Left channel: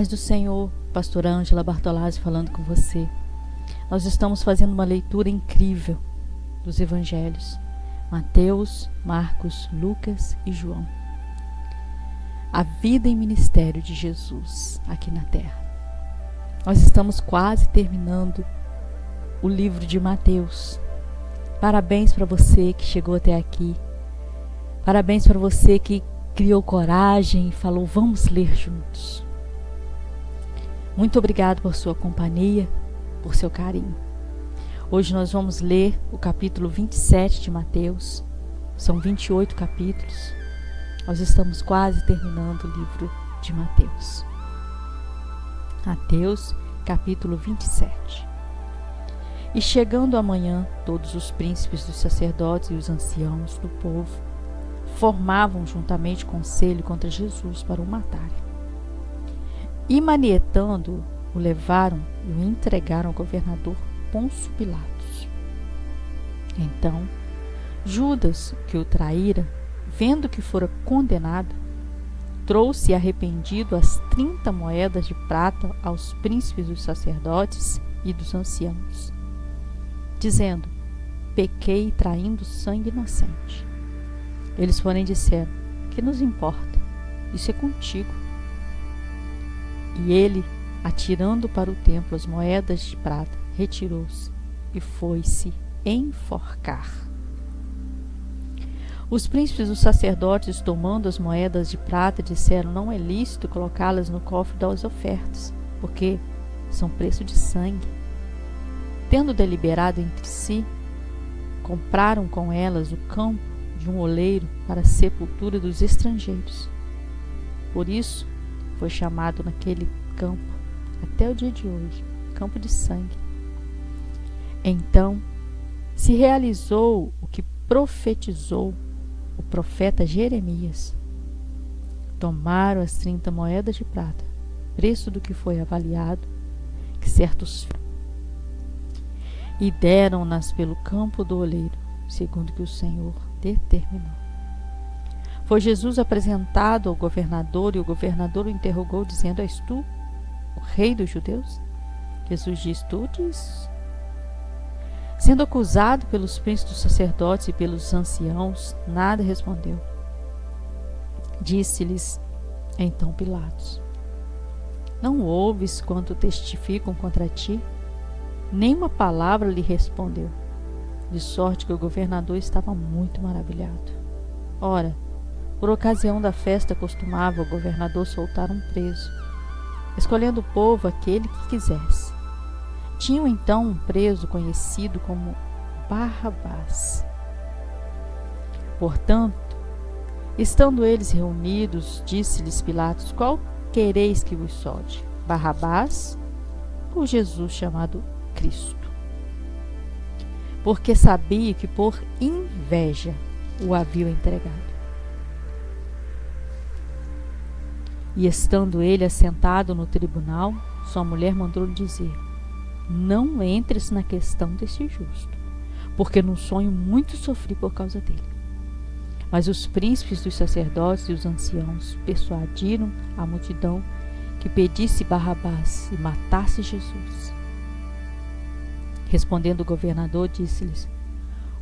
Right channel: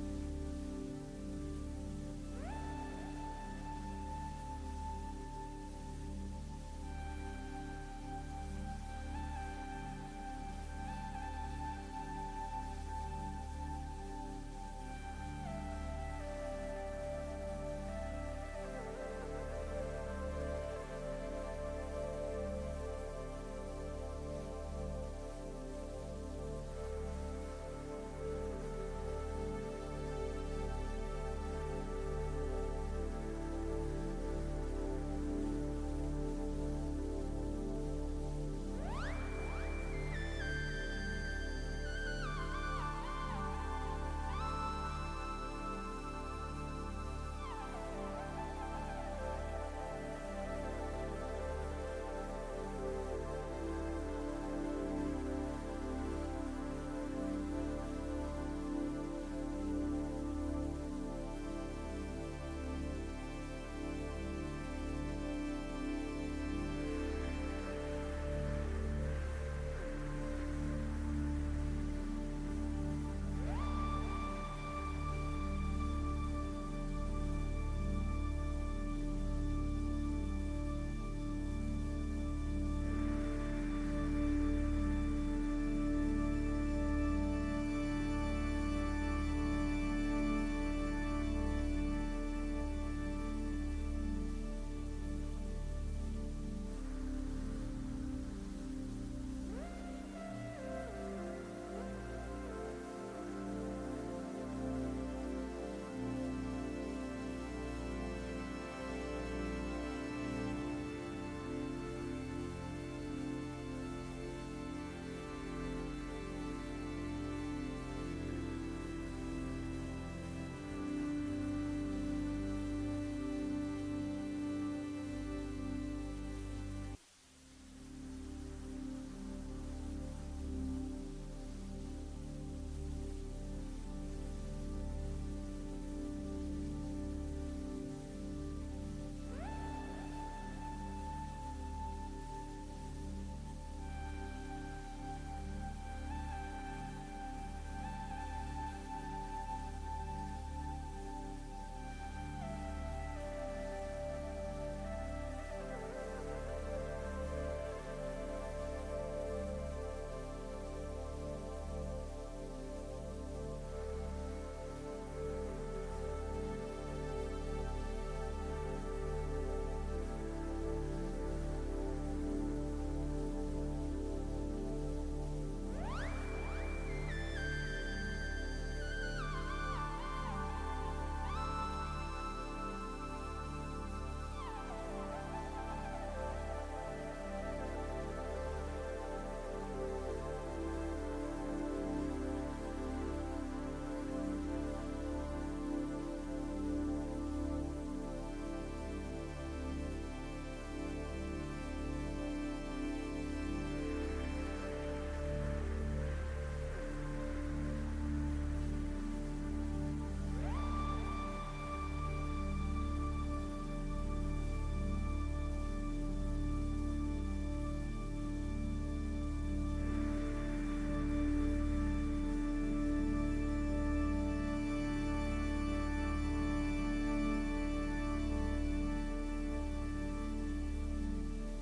Paz do Senhor, pastora Ângela Bartolazzi falando com você. Nós estamos fazendo uma leitura incrível dos evangelhos, Mateus, Marcos, Lucas e João. A vida e ministério de Jesus aqui na terra. Nós estamos quase terminando o livro de Mateus. Parabéns para você que chegou até aqui. Parabéns para você que criou coragem e falou, vamos ler juntos. Muito obrigado por sua companhia, por seu carinho. Hoje nós vamos ler o capítulo 27 de Mateus. São 28 capítulos. Nós estamos quase terminando o livro de Mateus. Mateus, capítulo 27. E chegando amanhã, todos os príncipes dos sacerdotes e os anciãos do povo formavam juntamente conselho contra Jesus para o matarem. E manietando, o levaram e o entregaram ao governador Pôncio Pilatos. Então, Judas, que o traíra, vendo que fora condenado, trouxe arrependido as 30 moedas de prata aos príncipes dos sacerdotes e dos anciãos, dizendo, pequei traindo sangue inocente. Eles, porém, disseram, que nos importa? Isso é contigo. E ele, atirando para o templo as moedas de prata, retirou-se e foi-se enforcar. Os príncipes dos sacerdotes, tomando as moedas de prata, disseram, não é lícito colocá-las no cofre das ofertas, porque são preço de sangue. Tendo deliberado entre si, compraram com elas o campo de um oleiro para a sepultura dos estrangeiros. Por isso, foi chamado naquele campo, até o dia de hoje, campo de sangue. Então, se realizou o que profetizou o profeta Jeremias. Tomaram as 30 moedas de prata, preço do que foi avaliado, que certos e deram-nas pelo campo do oleiro, segundo que o Senhor determinou. Foi Jesus apresentado ao governador, e o governador o interrogou, dizendo, és tu o rei dos judeus? Jesus diz, tu dizes. Sendo acusado pelos príncipes dos sacerdotes e pelos anciãos, nada respondeu. Disse-lhes então Pilatos, não ouves quanto testificam contra ti? Nenhuma palavra lhe respondeu, de sorte que o governador estava muito maravilhado. Ora, por ocasião da festa costumava o governador soltar um preso, escolhendo o povo aquele que quisesse. Tinham então um preso conhecido como Barrabás. Portanto, estando eles reunidos, disse-lhes Pilatos, qual quereis que vos solte? Barrabás ou Jesus chamado Cristo? Porque sabia que por inveja o haviam entregado. E estando ele assentado no tribunal, sua mulher mandou-lhe dizer, não entres na questão desse justo, porque num sonho muito sofri por causa dele. Mas os príncipes dos sacerdotes e os anciãos persuadiram a multidão que pedisse Barrabás e matasse Jesus. Respondendo o governador, disse-lhes,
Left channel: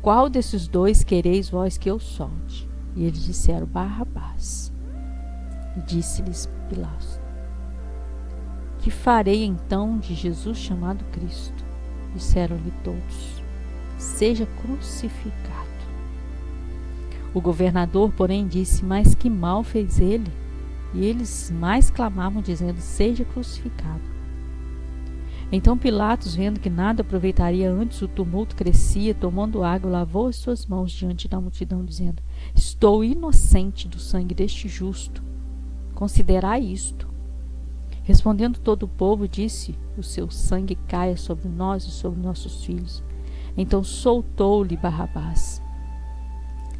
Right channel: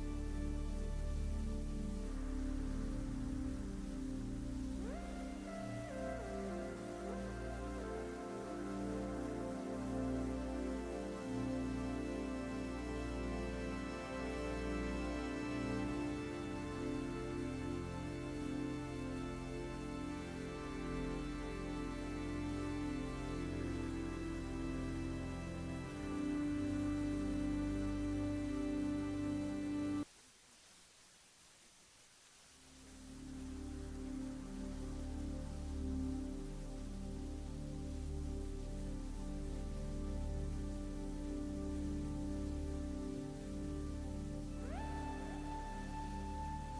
qual desses dois quereis vós que eu solte? E eles disseram, Barrabás. Disse-lhes Pilatos, que farei então de Jesus chamado Cristo? Disseram-lhe todos, seja crucificado. O governador, porém, disse, mas que mal fez ele? E eles mais clamavam, dizendo, seja crucificado. Então Pilatos, vendo que nada aproveitaria antes, o tumulto crescia, tomando água, lavou as suas mãos diante da multidão, dizendo, estou inocente do sangue deste justo. Considerai isto. Respondendo todo o povo, disse, o seu sangue caia sobre nós e sobre nossos filhos. Então soltou-lhe Barrabás.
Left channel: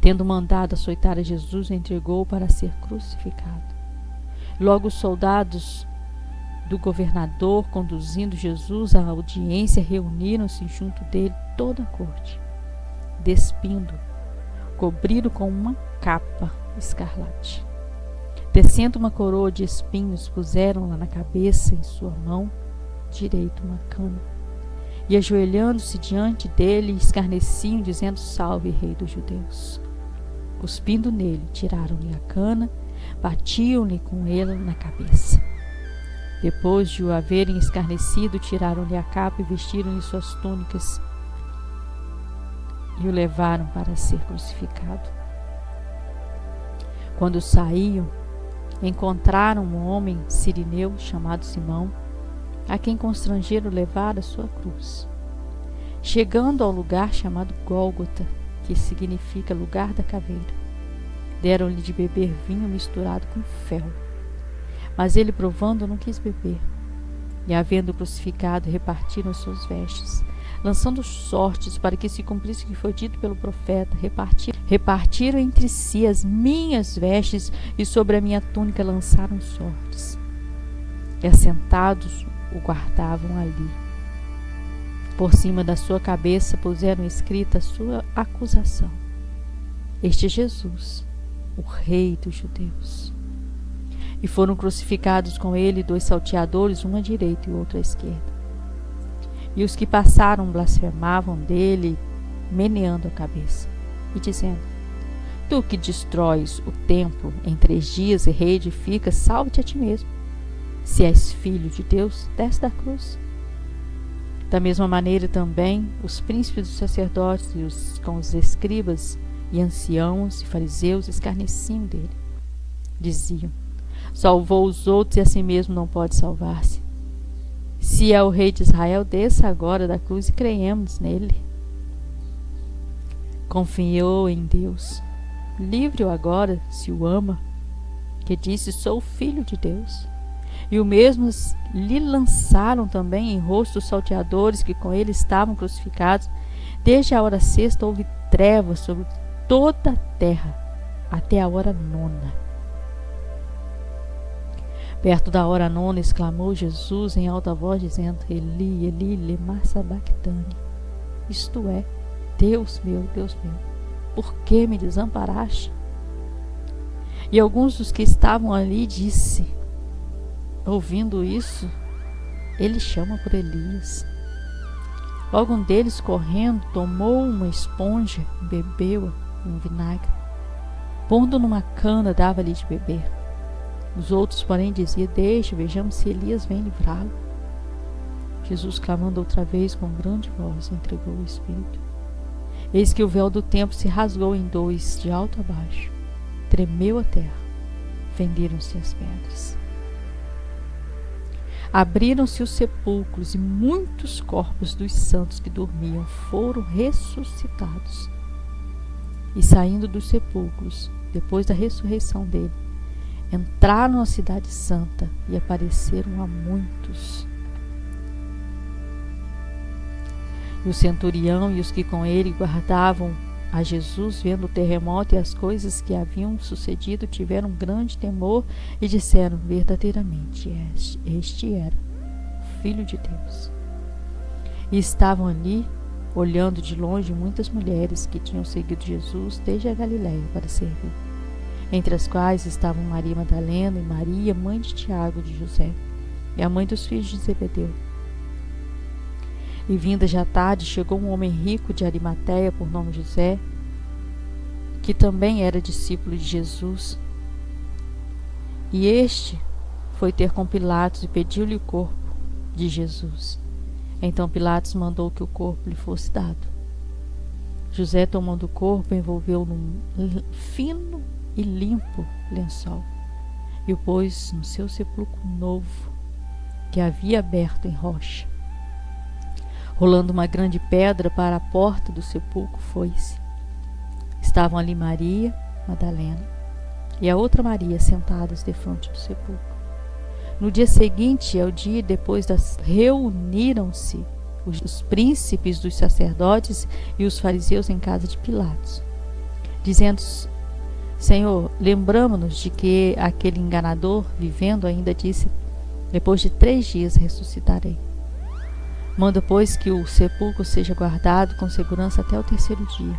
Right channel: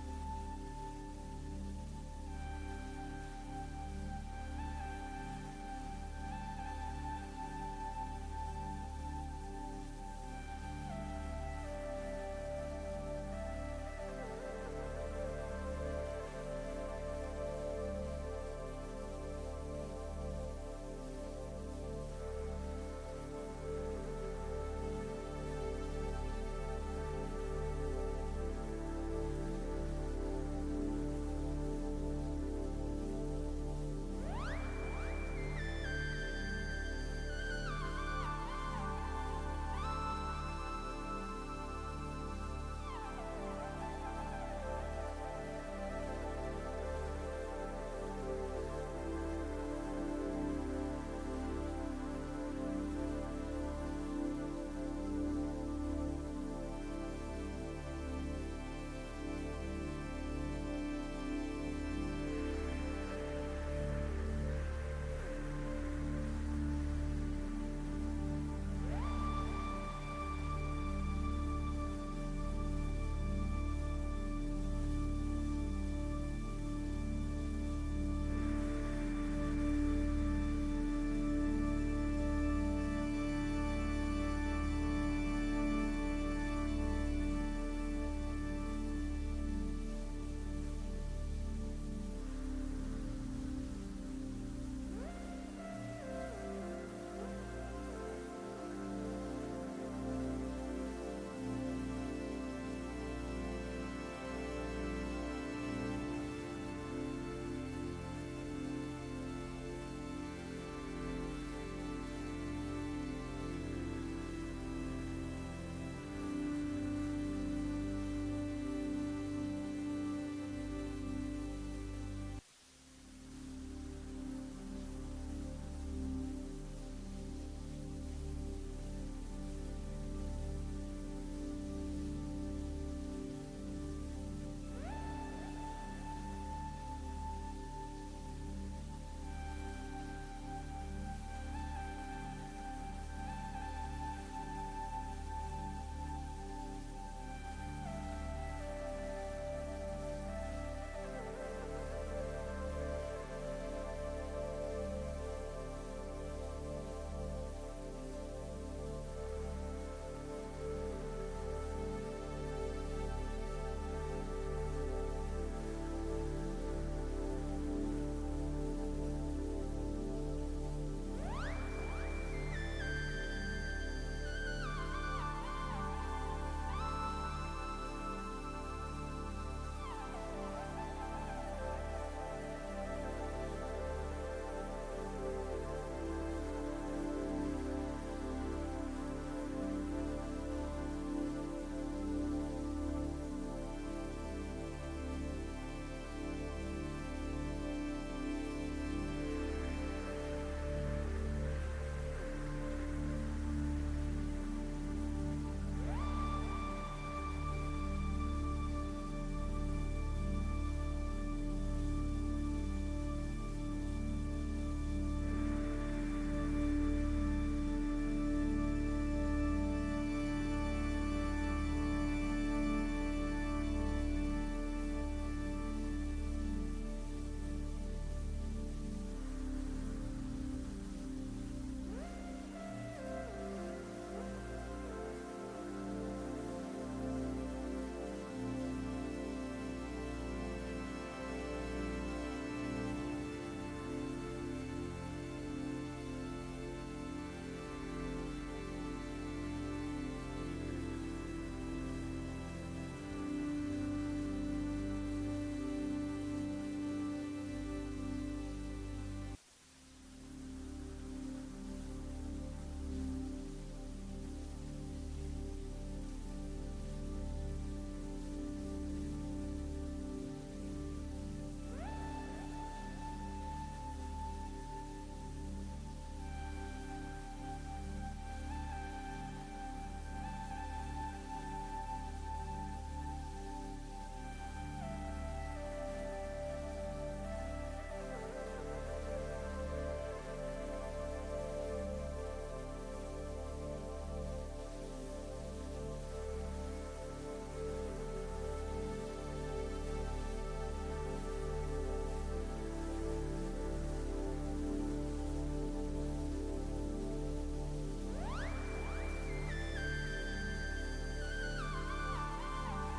Tendo mandado açoitar a Jesus, o entregou para ser crucificado. Logo os soldados do governador, conduzindo Jesus à audiência, reuniram-se junto dele toda a corte. Despindo, cobriram com uma capa escarlate. Tecendo uma coroa de espinhos, puseram-la na cabeça, em sua mão direita uma cana. E ajoelhando-se diante dele, escarneciam, dizendo: Salve, Rei dos Judeus. Cuspindo nele, tiraram-lhe a cana, batiam-lhe com ela na cabeça. Depois de o haverem escarnecido, tiraram-lhe a capa e vestiram-lhe suas túnicas e o levaram para ser crucificado. Quando saíam, encontraram um homem sirineu chamado Simão, a quem constrangeram levar a sua cruz. Chegando ao lugar chamado Gólgota, que significa lugar da caveira, deram-lhe de beber vinho misturado com fel. Mas ele, provando, não quis beber. E, havendo crucificado, repartiram suas vestes, lançando sortes para que se cumprisse o que foi dito pelo profeta. Repartiram entre si as minhas vestes, e sobre a minha túnica lançaram sortes. E assentados o guardavam ali. Por cima da sua cabeça puseram escrita a sua acusação: Este é Jesus, o Rei dos Judeus. E foram crucificados com ele 2 salteadores, um à direita e o outro à esquerda. E os que passaram blasfemavam dele, meneando a cabeça, e dizendo: Tu que destróis o templo em 3 dias e reedificas, salve-te a ti mesmo. Se és filho de Deus, desce da cruz. Da mesma maneira também, os príncipes dos sacerdotes e com os escribas e anciãos e fariseus escarneciam dele. Diziam: Salvou os outros e a si mesmo não pode salvar-se. Se é o Rei de Israel, desça agora da cruz e creiemos nele. Confiou em Deus. Livre-o agora, se o ama, que disse: Sou filho de Deus. E o mesmo lhe lançaram também em rosto os salteadores que com ele estavam crucificados. Desde a hora 6ª houve trevas sobre toda a terra, até a hora 9ª. Perto da hora 9ª, exclamou Jesus em alta voz, dizendo: Eli, Eli, lema sabachthani. Isto é: Deus meu, por que me desamparaste? E alguns dos que estavam ali disse, ouvindo isso: Ele chama por Elias. Logo um deles, correndo, tomou uma esponja e bebeu-a em vinagre. Pondo numa cana, dava-lhe de beber. Os outros, porém, diziam: Deixe, vejamos se Elias vem livrá-lo. Jesus, clamando outra vez com grande voz, entregou o Espírito. Eis que o véu do templo se rasgou em 2, de alto a baixo. Tremeu a terra, fenderam-se as pedras. Abriram-se os sepulcros, e muitos corpos dos santos que dormiam foram ressuscitados. E saindo dos sepulcros, depois da ressurreição dele, entraram na cidade santa e apareceram a muitos. E o centurião e os que com ele guardavam a Jesus, vendo o terremoto e as coisas que haviam sucedido, tiveram grande temor e disseram: Verdadeiramente este era Filho de Deus. E estavam ali, olhando de longe, muitas mulheres que tinham seguido Jesus desde a Galiléia para servir, entre as quais estavam Maria Madalena e Maria, mãe de Tiago e de José, e a mãe dos filhos de Zebedeu. E vinda já tarde, chegou um homem rico de Arimateia, por nome José, que também era discípulo de Jesus. E este foi ter com Pilatos e pediu-lhe o corpo de Jesus. Então Pilatos mandou que o corpo lhe fosse dado. José, tomando o corpo, envolveu num fino e limpo lençol e o pôs no seu sepulcro novo, que havia aberto em rocha. Rolando uma grande pedra para a porta do sepulcro, foi-se. Estavam ali Maria Madalena e a outra Maria sentadas defronte do sepulcro. No dia seguinte, ao dia depois reuniram-se os príncipes dos sacerdotes e os fariseus em casa de Pilatos, dizendo: Senhor, lembramo-nos de que aquele enganador, vivendo ainda, disse: Depois de 3 dias ressuscitarei. Manda, pois, que o sepulcro seja guardado com segurança até o 3º dia.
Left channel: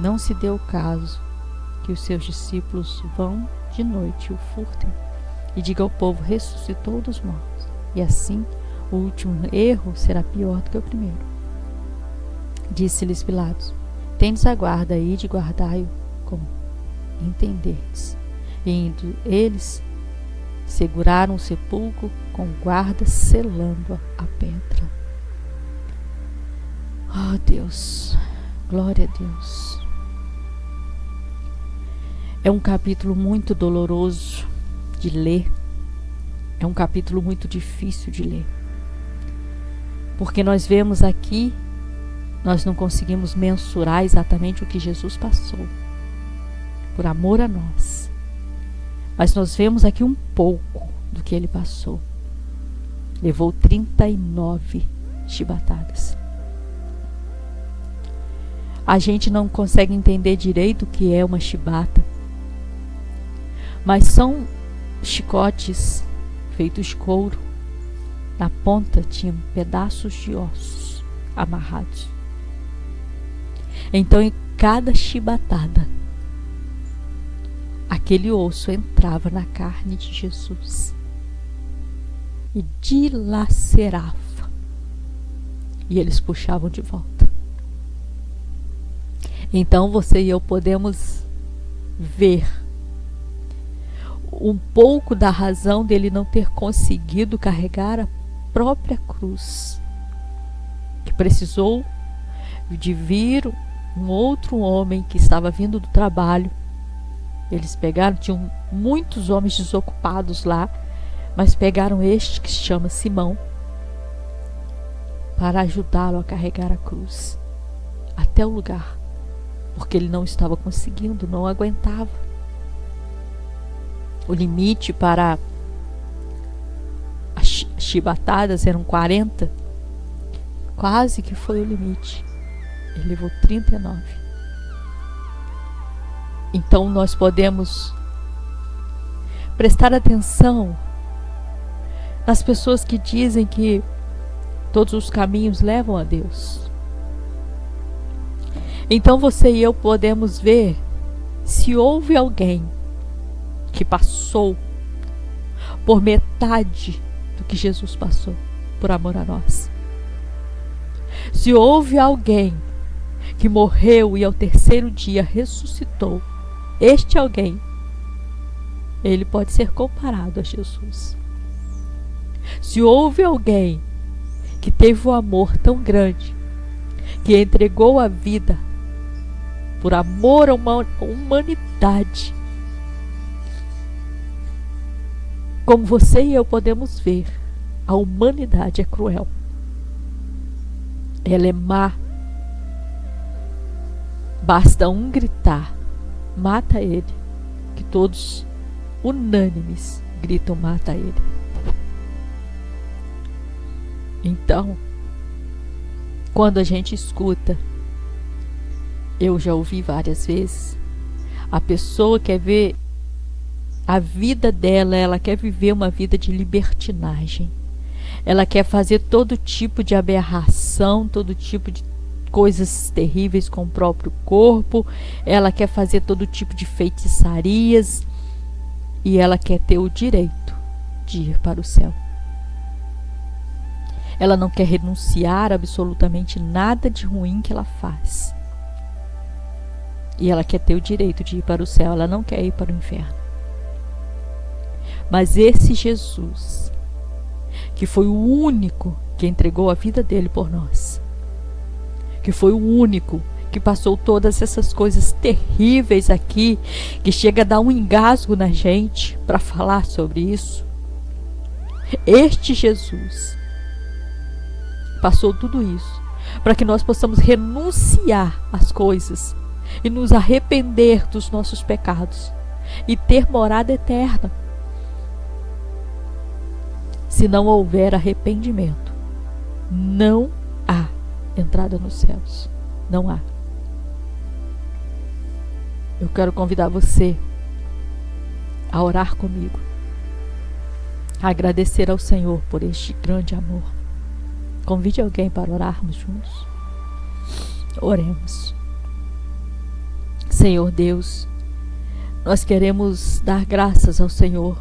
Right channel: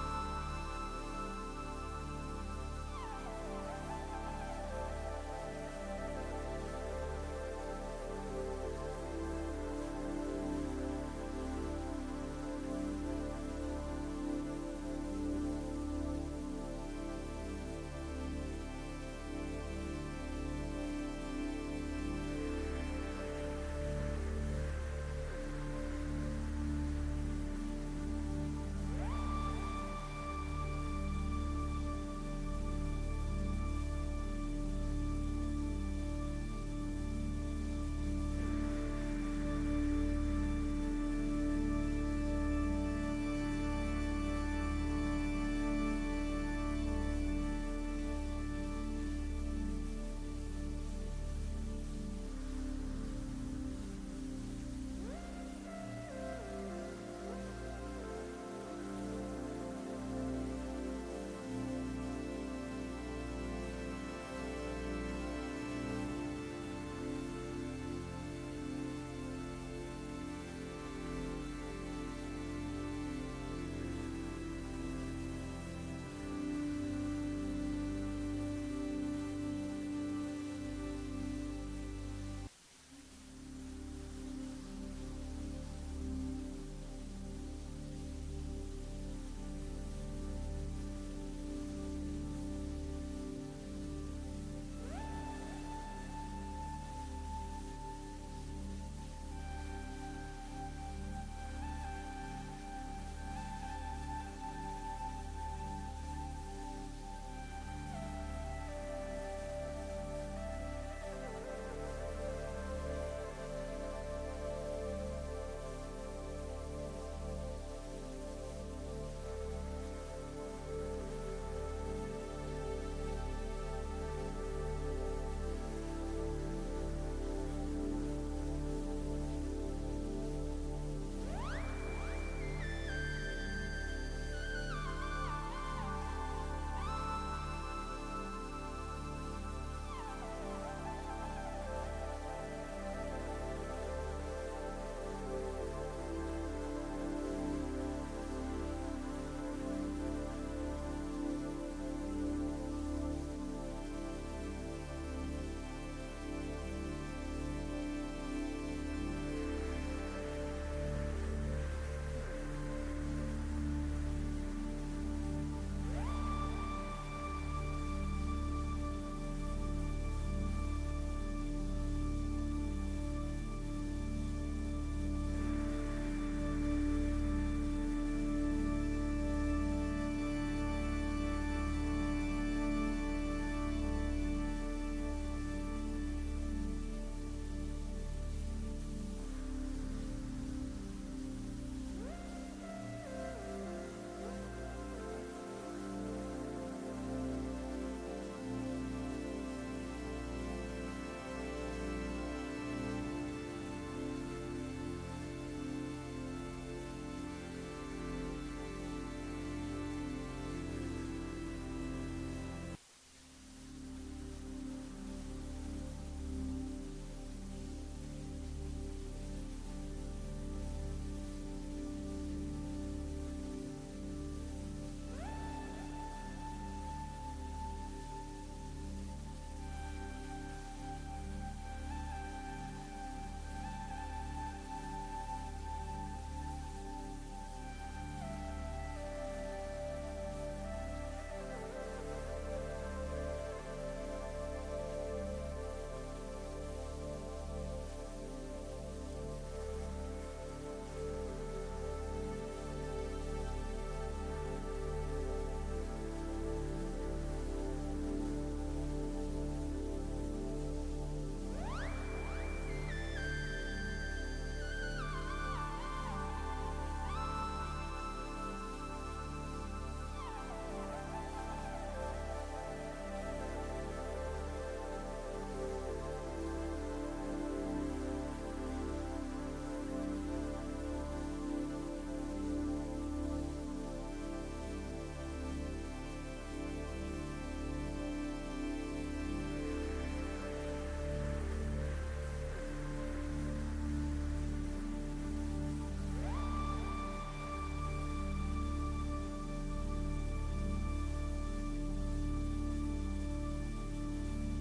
Não se deu o caso que os seus discípulos vão de noite e o furtem, e diga ao povo: ressuscitou dos mortos. E assim o último erro será pior do que o primeiro. Disse-lhes Pilatos: tendes a guarda aí de guardai-o como entenderdes. E indo eles, seguraram o sepulcro com guarda, selando a pedra. Oh Deus, glória a Deus. É um capítulo muito doloroso de ler. É um capítulo muito difícil de ler. Porque nós vemos aqui, nós não conseguimos mensurar exatamente o que Jesus passou, por amor a nós. Mas nós vemos aqui um pouco do que ele passou. Levou 39 chibatadas. A gente não consegue entender direito o que é uma chibata, mas são chicotes feitos de couro. Na ponta tinham pedaços de ossos amarrados. Então, em cada chibatada, aquele osso entrava na carne de Jesus e dilacerava. E eles puxavam de volta. Então você e eu podemos ver um pouco da razão dele não ter conseguido carregar a própria cruz, que precisou de vir um outro homem que estava vindo do trabalho. Eles pegaram, tinham muitos homens desocupados lá, mas pegaram este que se chama Simão para ajudá-lo a carregar a cruz até o lugar, porque ele não estava conseguindo, não aguentava. O limite para as chibatadas eram 40, quase que foi o limite. Ele levou 39. Então nós podemos prestar atenção nas pessoas que dizem que todos os caminhos levam a Deus. Então você e eu podemos ver se houve alguém que passou por metade do que Jesus passou por amor a nós. Se houve alguém que morreu e ao terceiro dia ressuscitou, este alguém, ele pode ser comparado a Jesus. Se houve alguém que teve um amor tão grande, que entregou a vida por amor a uma humanidade, como você e eu podemos ver, a humanidade é cruel. Ela é má. Basta um gritar: mata ele, que todos, unânimes, gritam: mata ele. Então, quando a gente escuta, eu já ouvi várias vezes, a pessoa quer ver a vida dela, ela quer viver uma vida de libertinagem. Ela quer fazer todo tipo de aberração, todo tipo de coisas terríveis com o próprio corpo. Ela quer fazer todo tipo de feitiçarias. E ela quer ter o direito de ir para o céu. Ela não quer renunciar a absolutamente nada de ruim que ela faz. E ela quer ter o direito de ir para o céu. Ela não quer ir para o inferno. Mas esse Jesus, que foi o único que entregou a vida dele por nós, que foi o único que passou todas essas coisas terríveis aqui, que chega a dar um engasgo na gente para falar sobre isso. Este Jesus passou tudo isso para que nós possamos renunciar às coisas e nos arrepender dos nossos pecados e ter morada eterna. Se não houver arrependimento, não há entrada nos céus. Não há. Eu quero convidar você a orar comigo, a agradecer ao Senhor por este grande amor. Convide alguém para orarmos juntos. Oremos. Senhor Deus, Nós queremos dar graças ao Senhor,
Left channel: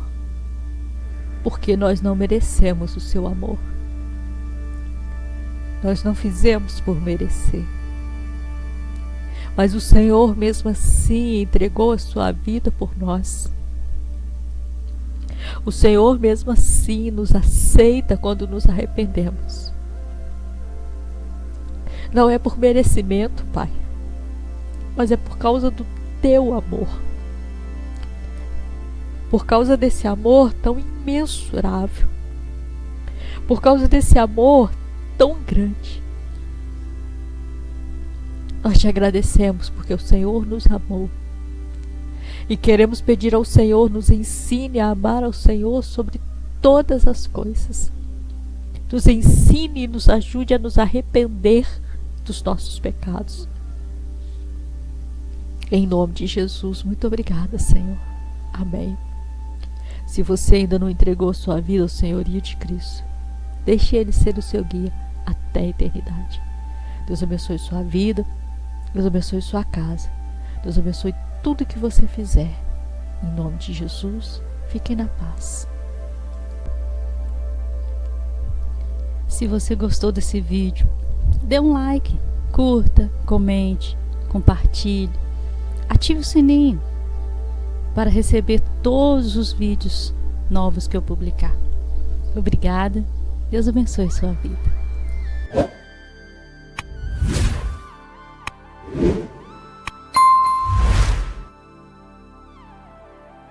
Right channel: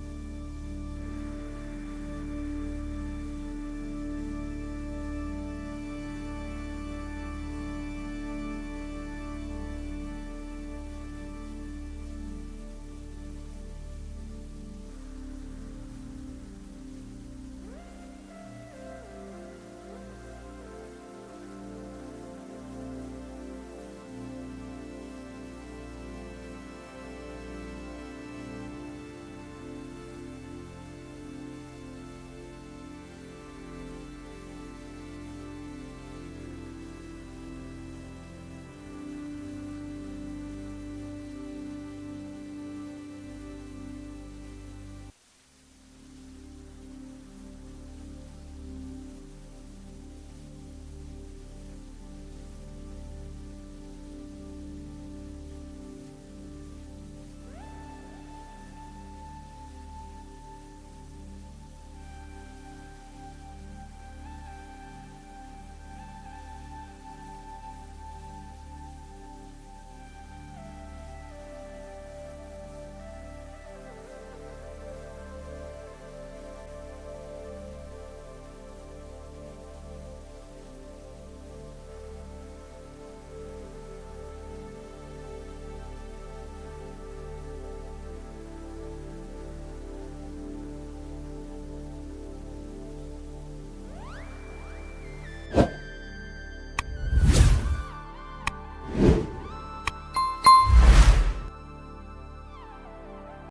porque nós não merecemos o seu amor. Nós não fizemos por merecer. Mas o Senhor mesmo assim entregou a sua vida por nós. O Senhor mesmo assim nos aceita quando nos arrependemos. Não é por merecimento, Pai, mas é por causa do teu amor. Por causa desse amor tão imensurável. Por causa desse amor tão grande. Nós te agradecemos porque o Senhor nos amou. E queremos pedir ao Senhor, nos ensine a amar ao Senhor sobre todas as coisas. Nos ensine e nos ajude a nos arrepender dos nossos pecados. Em nome de Jesus, muito obrigada, Senhor. Amém. Se você ainda não entregou sua vida ao senhorio de Cristo, deixe Ele ser o seu guia até a eternidade. Deus abençoe sua vida, Deus abençoe sua casa, Deus abençoe tudo que você fizer. Em nome de Jesus, fiquem na paz. Se você gostou desse vídeo, dê um like, curta, comente, compartilhe, ative o sininho para receber todos os vídeos novos que eu publicar. Obrigada. Deus abençoe sua vida.